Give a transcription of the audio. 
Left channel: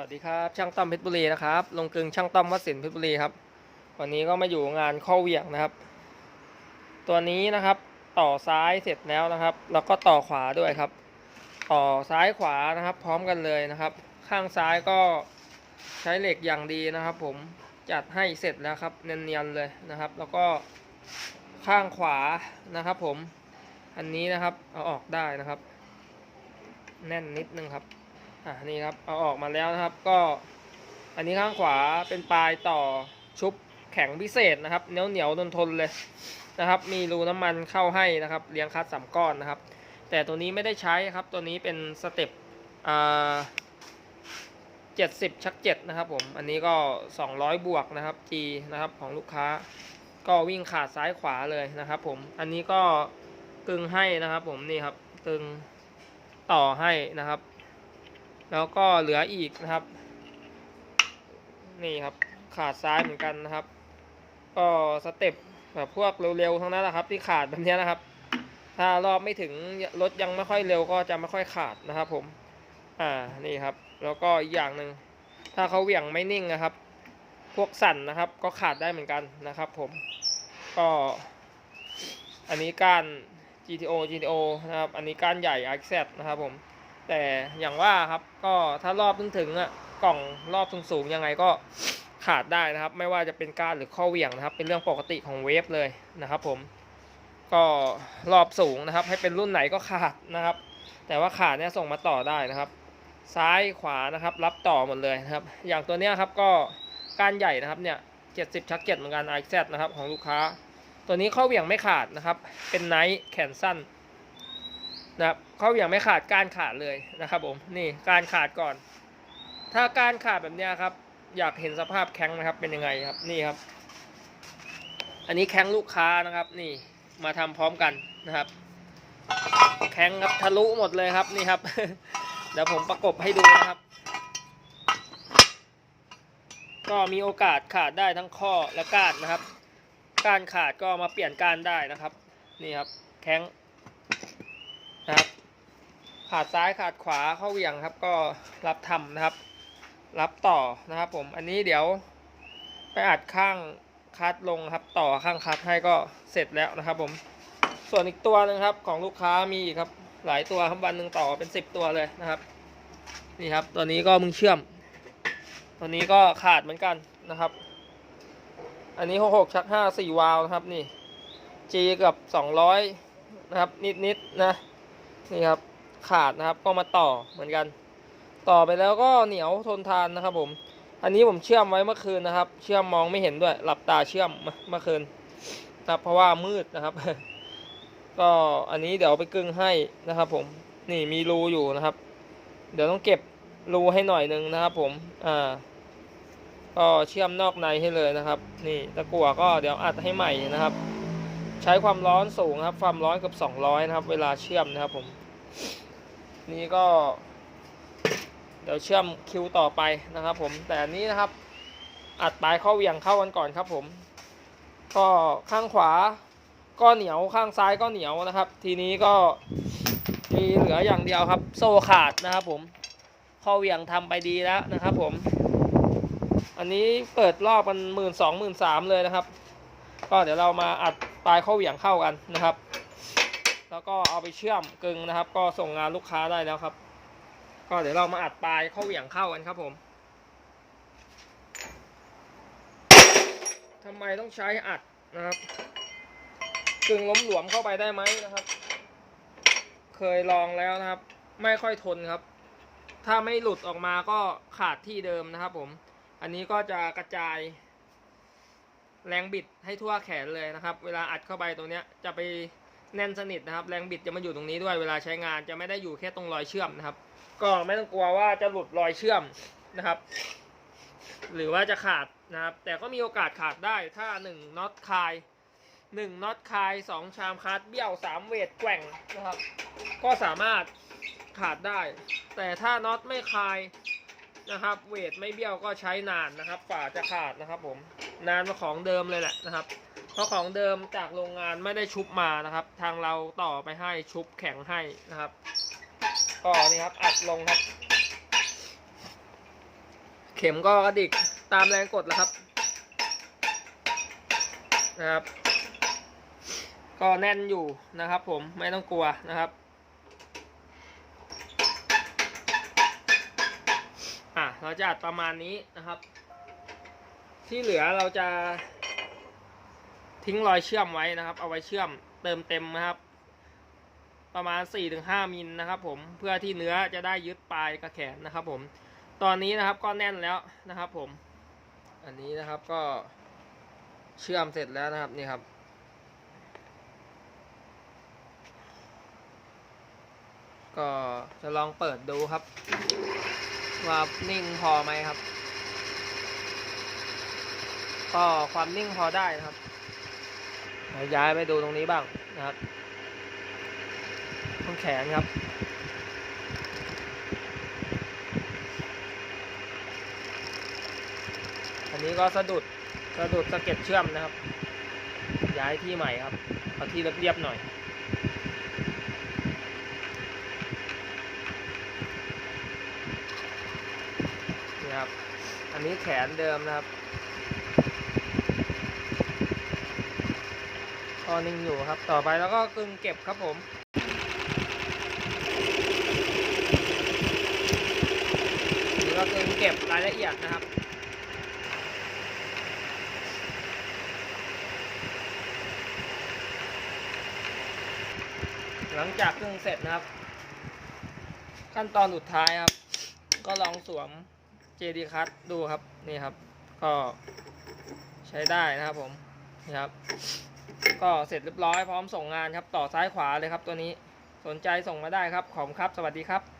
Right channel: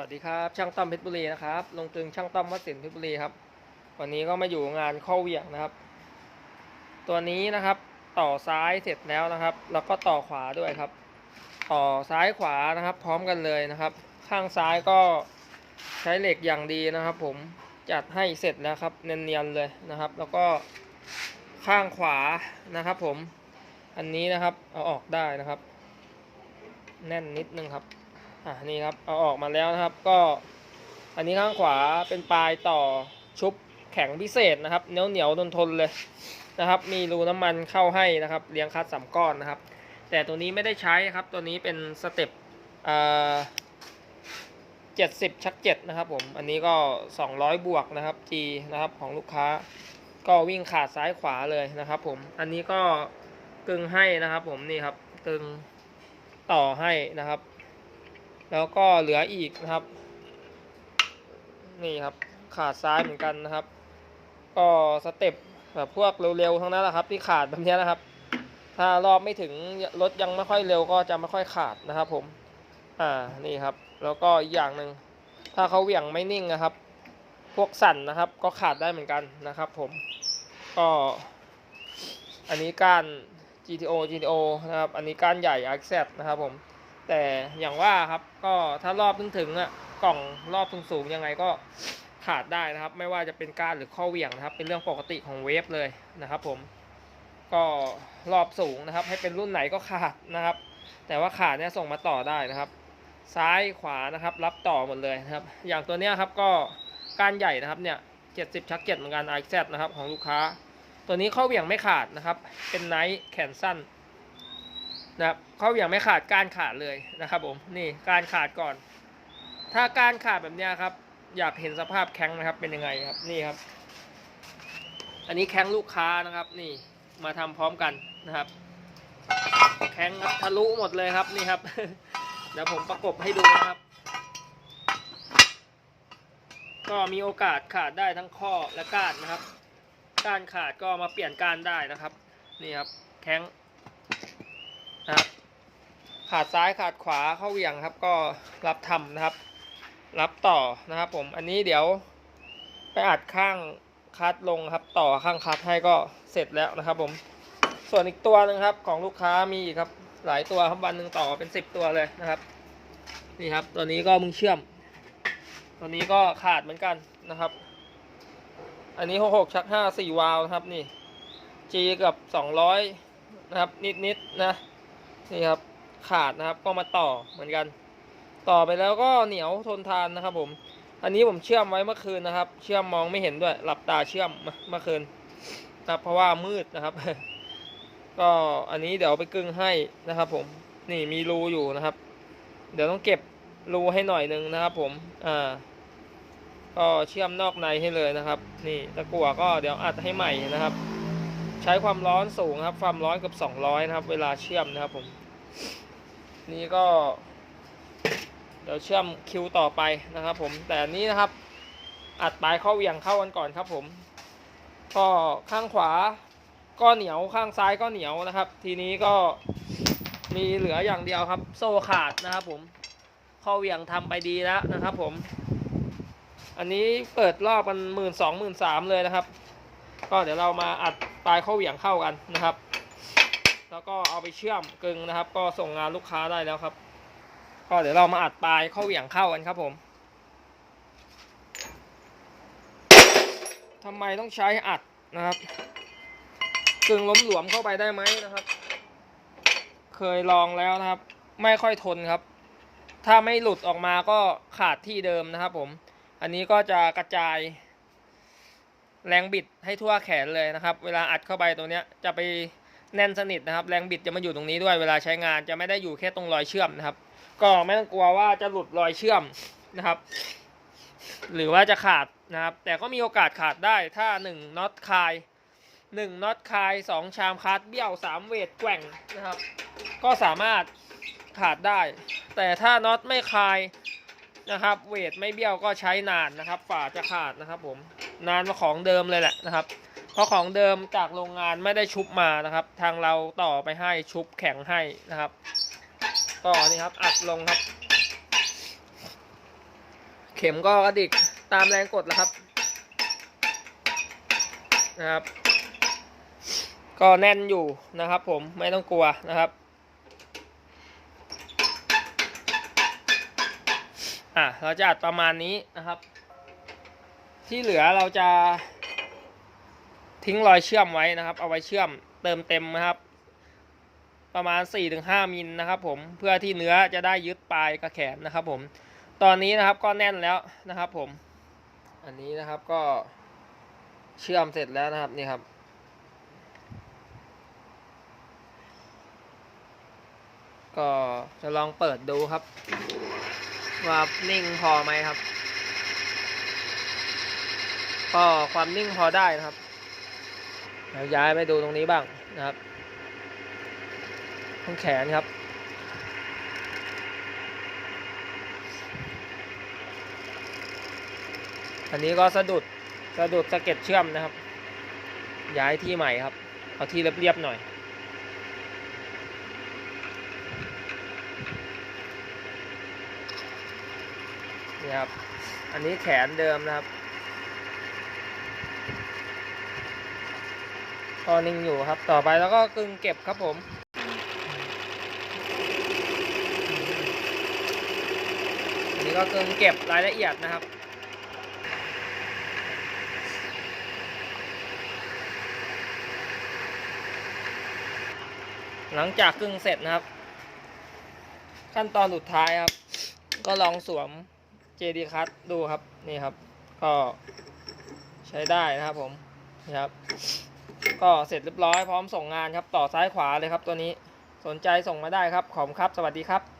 วัสดีครับ ช่างต้อมเพชรบุรีนะครับลงกลึงช่างต้อมวัดสินเพชรบุรีครับ วันนี้ก็มาอยู่งานข้อเหวี่ยงนะครับ ตัวนี้นะครับ ต่อซ้ายเสร็จแล้วนะครับ แล้วก็ต่อขวาด้วยครับ ต่อซ้ายขวานะครับ พร้อมกันเลยนะครับ ข้างซ้ายก็ใช้เหล็กอย่างดีนะครับ ผมจัดให้เสร็จแล้วครับเนียนๆเลยนะครับ แล้วก็ข้างขวานะครับ ผมอันนี้นะครับเอาออกได้นะครับ แน่นนิดนึงครับ อ่านี่ครับเอาออกมาแล้วนะครับก็อันนี้ข้างขวาเป็นปลายต่อชุบแข็งพิเศษนะครับเหนียวเหนียวทนทนเลยนะครับ มีรูน้ำมันเข้าให้นะครับเลี้ยงคัดสามก้อนนะครับ แต่ตัวนี้ไม่ได้ใช้ครับตัวนี้เป็นสเต็ปเจ็ดสิบชักเจ็ดนะครับผมอันนี้ก็200บวกนะครับ G นะครับของลูกค้า ก็วิ่งขาดซ้ายขวาเลยนะครับผมอันนี้ก็กึงให้นะครับผมนี่ครับกึงต่อให้นะครับ แล้วก็เหลืออีกนะครับ นี่ครับขาดซ้ายเหมือนกันนะครับ ก็สเต็ปแบบพวกเร็วๆทั้งนั้นแหละครับ ที่ขาดแบบนี้นะครับ ถ้ารอบไม่ถึงรถยังไม่ค่อยเร็วก็จะไม่ค่อยขาดนะครับ ผม อ่านี่ครับ แล้วก็อีกอย่างหนึ่งถ้าเขาเหวี่ยงไม่นิ่งนะครับ พวกสั่นนะครับ ก็ขาดได้เหมือนกันนะครับ ผม ก็ อันนี้กาน GTO GTO นะครับ อันนี้กานใหญ่ RX นะครับผม แต่อย่างว่าครับก็ถ้ารอบถึงถึงอะกล่องรอบสูงๆยังไงก็ขาดได้นะครับ ไม่ว่าจะเป็นกานหรือข้อเหวี่ยงนะครับ เป็นเรื่องปกติของเวฟเลยนะครับผมก็รอบสูงนะครับ ให้เป็นรุ่นไหนก็ขาดนะครับ แต่ว่าขาดเนี่ยส่งมาต่อได้นะครับ ซ้ายขวานะครับ รับต่อหมดเลยนะครับ อย่างตัวเนี้ยครับก็กานใหญ่นะครับเนี่ย70ชักเก็ตเหมือนกัน i z นะครับของลูกค้า ตัวนี้ข้อเหวี่ยงไม่ขาดนะครับ เป็นไนท์แขนสั้น นะครับเขาอย่างไม่ขาดการขาดเลยนะครับผมนี่การขาดก่อน ถ้าการขาดแบบนี้ครับ อยากเห็นสภาพแข้งนะครับเป็นยังไงครับนี่ครับ อันนี้แข้งลูกค้านะครับ นี่มาทำพร้อมกันนะครับ แข้งทะลุหมดเลยครับนี่ครับ เดี๋ยวผมประกบให้ดูนะครับ ก็มีโอกาสขาดได้ทั้งข้อและก้านนะครับ การขาดก็มาเปลี่ยนการได้นะครับ นี่ครับแข้ง นะครับ ขาดซ้ายขาดขวาเข้าเวียงครับ ก็รับทำนะครับ รับต่อนะครับ ผมอันนี้เดี๋ยวไปอัดข้างคัดลงครับ ต่อข้างคัดให้ก็เสร็จแล้วนะครับ ผม ส่วนอีกตัวหนึงครับ ของลูกค้ามีครับ หลายตัวครับวันหนึ่งต่อเป็นสิบตัวเลยนะครับ นี่ครับ ตัวนี้ก็มึงเชื่อม ตัวนี้ก็ขาดเหมือนกันนะครับ อันนี้หกหกชักห้าสี่วาล์วนะครับนี่ G กับสองร้อยนะครับ นิดๆนะ นี่ครับขาดนะครับก็มาต่อเหมือนกัน ต่อไปแล้วก็เหนียวทนทานนะครับ ผม อันนี้ผมเชื่อมไว้เมื่อคืนนะครับ เชื่อมมองไม่เห็นด้วย หลับตาเชื่อมเมื่อคืนนะเพราะว่ามืดนะครับ ก็อันนี้เดี๋ยวไปกึ่งให้นะครับ ผมนี่มีรูอยู่นะครับ เดี๋ยวต้องเก็บรูให้หน่อยนึงนะครับ ผมอ่าก็เชื่อมนอกในให้เลยนะครับ นี่ตะกั่วก็เดี๋ยวอัดให้ใหม่นะครับ ใช้ความร้อนสูงครับ ความร้อนกับ200นะครับ เวลาเชื่อมนะครับผม นี่ก็ เดี๋ยวเชื่อมคิวต่อไปนะครับ ผม แต่อันนี้นะครับ อัดปลายเข้าเหวียงเข้ากันก่อนครับ ผม ก็ข้างขวาก็เหนียวข้างซ้ายก็เหนียวนะครับ ทีนี้ก็มีเหลืออย่างเดียวครับ โซ่ขาดนะครับ ผมข้าเหวี่ยงทำไปดีแล้วนะครับ ผม อันนี้เปิดรอบกันหมื่นสองหมื่นสามเลยนะครับ ก็เดี๋ยวเรามาอัดปลายเข้าเหวี่ยงเข้ากันนะครับ แล้วก็เอาไปเชื่อมกึงนะครับ ก็ส่งงานลูกค้าได้แล้วครับ ก็เดี๋ยวเรามาอัดปลายเข้าเหวี่ยงเข้ากันครับผมทำไมต้องใช้อัดนะครับกึงล้มหลวมเข้าไปได้ไหมนะครับ เคยลองแล้วนะครับ ไม่ค่อยทนครับ ถ้าไม่หลุดออกมาก็ขาดที่เดิมนะครับผม อันนี้ก็จะกระจาย แรงบิดให้ทั่วแขนเลยนะครับ เวลาอัดเข้าไปตัวเนี้ยจะไปแน่นสนิทนะครับ แรงบิดจะมาอยู่ตรงนี้ด้วย เวลาใช้งานจะไม่ได้อยู่แค่ตรงรอยเชื่อมนะครับ ก็ไม่ต้องกลัวว่าจะหลุดรอยเชื่อมนะครับ หรือว่าจะขาดนะครับ แต่ก็มีโอกาสขาดได้ถ้า1น็อตคาย1น็อตคาย2ชามคัดเบี้ยว3เวทแกว่งนะครับ ก็สามารถขาดได้ แต่ถ้าน็อตไม่คาย นะครับ เวทไม่เบี้ยวก็ใช้นานนะครับ ฝาจะขาดนะครับผมนานกว่าของเดิมเลยแหละนะครับ เพราะของเดิมจากโรงงานไม่ได้ชุบมานะครับ ทางเราต่อไปให้ชุบแข็งให้นะครับ ก็นี่ครับอัดลงครับ เข็มก็กระดิกตามแรงกดแล้วครับนะครับ ก็แน่นอยู่นะครับ ผมไม่ต้องกลัวนะครับ อะ เราจะอัดประมาณนี้นะครับ ที่เหลือเราจะ ทิ้งรอยเชื่อมไว้นะครับ เอาไว้เชื่อมเติมเต็มนะครับ ประมาณ 4-5มิลนะครับผมเพื่อที่เนื้อจะได้ยึดปลายกระแขนนะครับ ผม ตอนนี้นะครับก็แน่นแล้วนะครับ ผม อันนี้นะครับก็เชื่อมเสร็จแล้วนะครับนี่ครับก็จะลองเปิดดูครับ ว่านิ่งพอไหมครับ ก็ความนิ่งพอได้นะครับเดี๋ยวย้ายไปดูตรงนี้บ้างนะครับตรงแขนครับ อันนี้ก็สะดุดสะดุดสะเก็ดเชื่อมนะครับ ย้ายที่ใหม่ครับ เอาที่เรียบๆหน่อย นี่ครับ อันนี้แขนเดิมนะครับก็นิ่งอยู่ครับ ต่อไปแล้วก็กึงเก็บครับผมนนี้ก็กึงเก็บรายละเอียดนะครับหลังจากกึ่งเสร็จนะครับ ขั้นตอนสุดท้ายครับ ก็ลองสวม JD Cut ดูครับนี่ครับ ก็ใช้ได้นะครับผมนี่ครับ ก็เสร็จเรียบร้อยพร้อมส่งงานครับต่อซ้ายขวาเลยครับตัวนี้สนใจส่งมาได้ครับขอบคุณครับสวัสดีครับ